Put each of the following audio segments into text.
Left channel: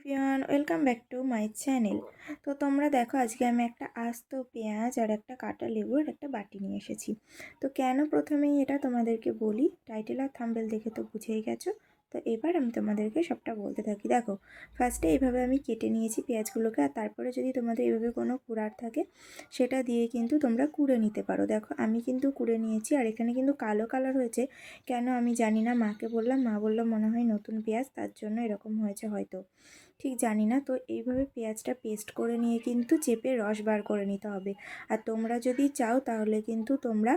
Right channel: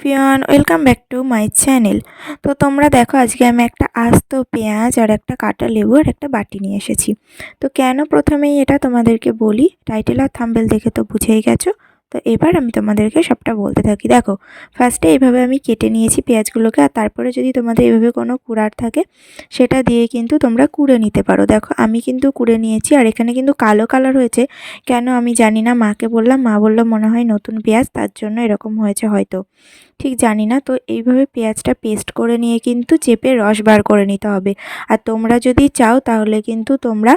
Everyone, welcome back to my channel. তো তোমরা দেখো, আজকে আমি একটা আস্ত পেঁয়াজ আর একটা কাটা লেবু আর একটা বাটি নিয়ে এসেছি। তো কেন প্রথমেই এটা তোমাদেরকে বলি? টাইটেল আর থাম্বেল দেখে তো বুঝেই গেছো। তো এবার আমি তোমাদেরকে সবটা বলতে থাকি। দেখো ফার্স্টে এইভাবে আমি কেটে নিয়েছি পেঁয়াজগুলোকে আর তারপরে যদি তোমাদের এভাবে কোনো কুড়ার থাকে, সেটা দিয়ে কিন্তু তোমরা কুড়ে নিতে পারো। দেখো, আমি কিন্তু কুড়ে নিয়েছি আর এখানে কিন্তু কালো কালার হয়েছে। কেন আমি জানি না, মাকে বললাম, মা বলল মনে হয় নতুন পেঁয়াজ, তার জন্য এরকম হয়েছে হয়তো। ঠিক জানি না, তো এইভাবে পেঁয়াজটা পেস্ট করে নিয়ে কিন্তু চেপে রস বার করে নিতে হবে। আর তোমরা যদি চাও তাহলে কিন্তু তোমরা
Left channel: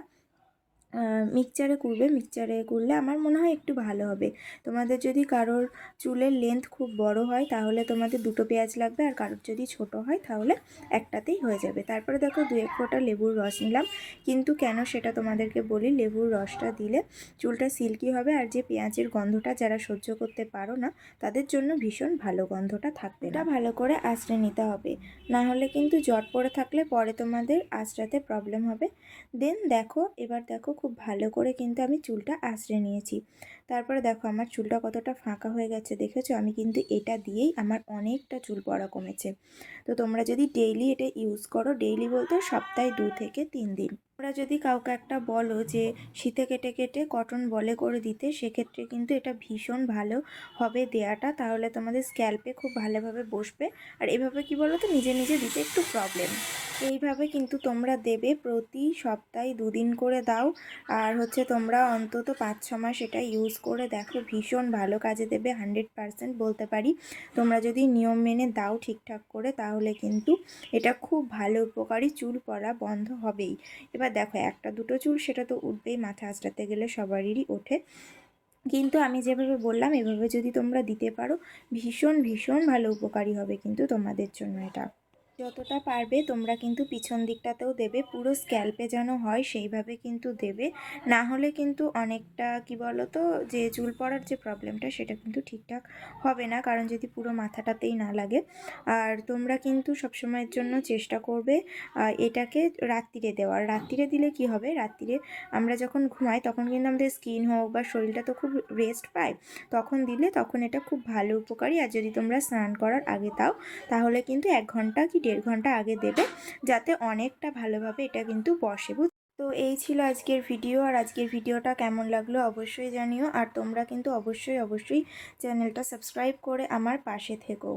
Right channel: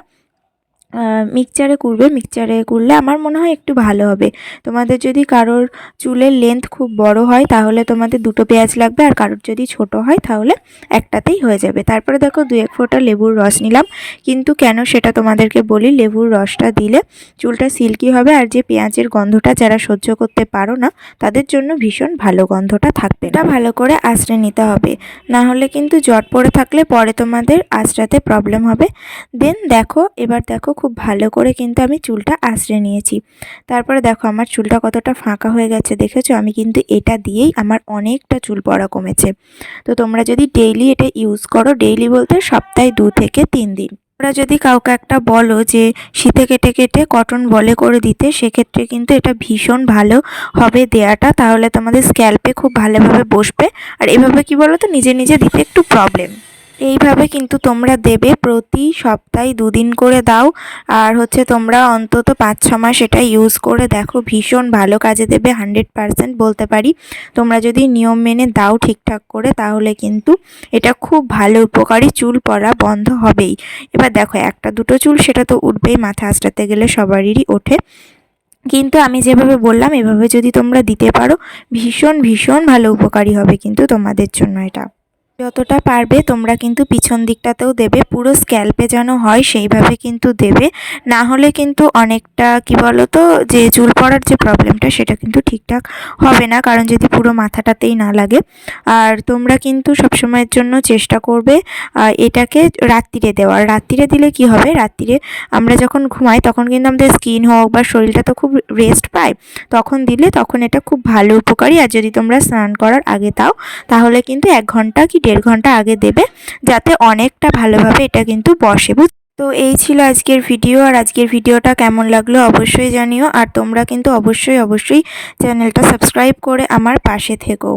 মিক্সচারে কুড়বে মিক্সচারে কুড়লে আমার মনে হয় একটু ভালো হবে। তোমাদের যদি কারোর চুলের লেন্থ খুব বড় হয়, তাহলে তোমাদের দুটো পেঁয়াজ লাগবে আর কারোর যদি ছোট হয়, তাহলে একটাতেই হয়ে যাবে। তারপরে দেখো দু এক ফোঁটা লেবুর রস নিলাম। কিন্তু কেন সেটা তোমাদেরকে বলি, লেবুর রসটা দিলে চুলটা সিল্কি হবে আর যে পেঁয়াজের গন্ধটা যারা সহ্য করতে পারো না, তাদের জন্য ভীষণ ভালো গন্ধটা থাকবে এটা ভালো করে আঁচড়ে নিতে হবে। না হলে কিন্তু জট পড়ে থাকলে পরে তোমাদের আঁচড়াতে প্রবলেম হবে। দেন দেখো, এবার দেখো খুব ভালো করে কিন্তু আমি চুলটা আঁচড়ে নিয়েছি। তারপরে দেখো আমার চুলটা কতটা ফাঁকা হয়ে গেছে, দেখেছ? আমি কিন্তু এটা দিয়েই আমার অনেকটা চুল পড়া কমেছে। তো তোমরা যদি ডেইলি এটা ইউজ করো ডেইলি বলতে সপ্তাহে দু থেকে তিন দিন। তোমরা যদি কাউকে একটা বলো যে শীতে কেটে কেটে কটন বলে করে দিতে, সেক্ষেত্রে কিন্তু এটা ভীষণ ভালো হবে দেয়াটা। তাহলে তোমাদের স্ক্যাল্পে খুব ভালোভাবে বসবে। আর এভাবে কি বলো তো নিজে নিজে দিতে একটু প্রবলেম এইভাবে কিন্তু তোমরা দেবে প্রতি সপ্তাহে দুদিন করে দাও। আর হচ্ছে তোমরা অন্তত পাঁচ, ছ মাস এটা ইউজ করে দেখো, ভীষণ ভালো কাজে দেবে হান্ড্রেড পারসেন্ট বলতে পারি। তোমরা যদি নিয়ম মেনে দাও ঠিকঠাক করে, তাহলে কিন্তু এটা খুব ভালো উপকারী চুল পড়া বন্ধ হবেই। এবার দেখো, একটা দুটো চুল সেটা তো উঠবেই, মাথা আঁচড়াতে গেলে সবারই ওঠে। কিন্তু আমি যেভাবে বললাম, এভাবে যদি তোমরা দিতে পারো, ভীষণ ভীষণ ভালো উপকারী হবে কিন্তু তোমাদের জন্য এটা। যতটা পারবে তোমরা কিন্তু পিছন দিকটাতেও দেবে, পুরো স্ক্যাল্পে যেন হয় সেইভাবে কিন্তু দেবে। না হলে কিন্তু অনেকটা, কি বলো তো যে চুল পড়ার যে প্রবলেমটা সেটা কিন্তু ঠিকঠাক হবে না, কারণ যদি পুরো মাথাটাতেই না লাগে। আর তোমরা কিন্তু সবসময়ের জন্য চেষ্টা করবে এটাকে রাত্রিরে দেওয়ার। রাত্রিরে দিলে কি হবে? রাত্রিরে আমরা যখন ঘুমাই, তখন কিন্তু আমাদের স্কিন হোক বা শরীরটা তো খুব রেস্ট পায়, তখন দিলে তখন এটা খুব ভালো উপকারী। আর যদি তোমরা স্নান করার আগে তাও তাহলে কিন্তু এক ঘণ্টা কি ঘণ্টা আগে দেবে, যাতে অনেকটা ভালোভাবে এটা কিন্তু বসে, বুঝ তো এই ছিল আজকের ভিডিও, আর আজকের ভিডিওটা কেমন লাগল অবশ্যই জানিও, আর তোমরা কিন্তু অবশ্যই অবশ্যই চ্যানেলটা সাবস্ক্রাইব করে আমার পাশে থেকো।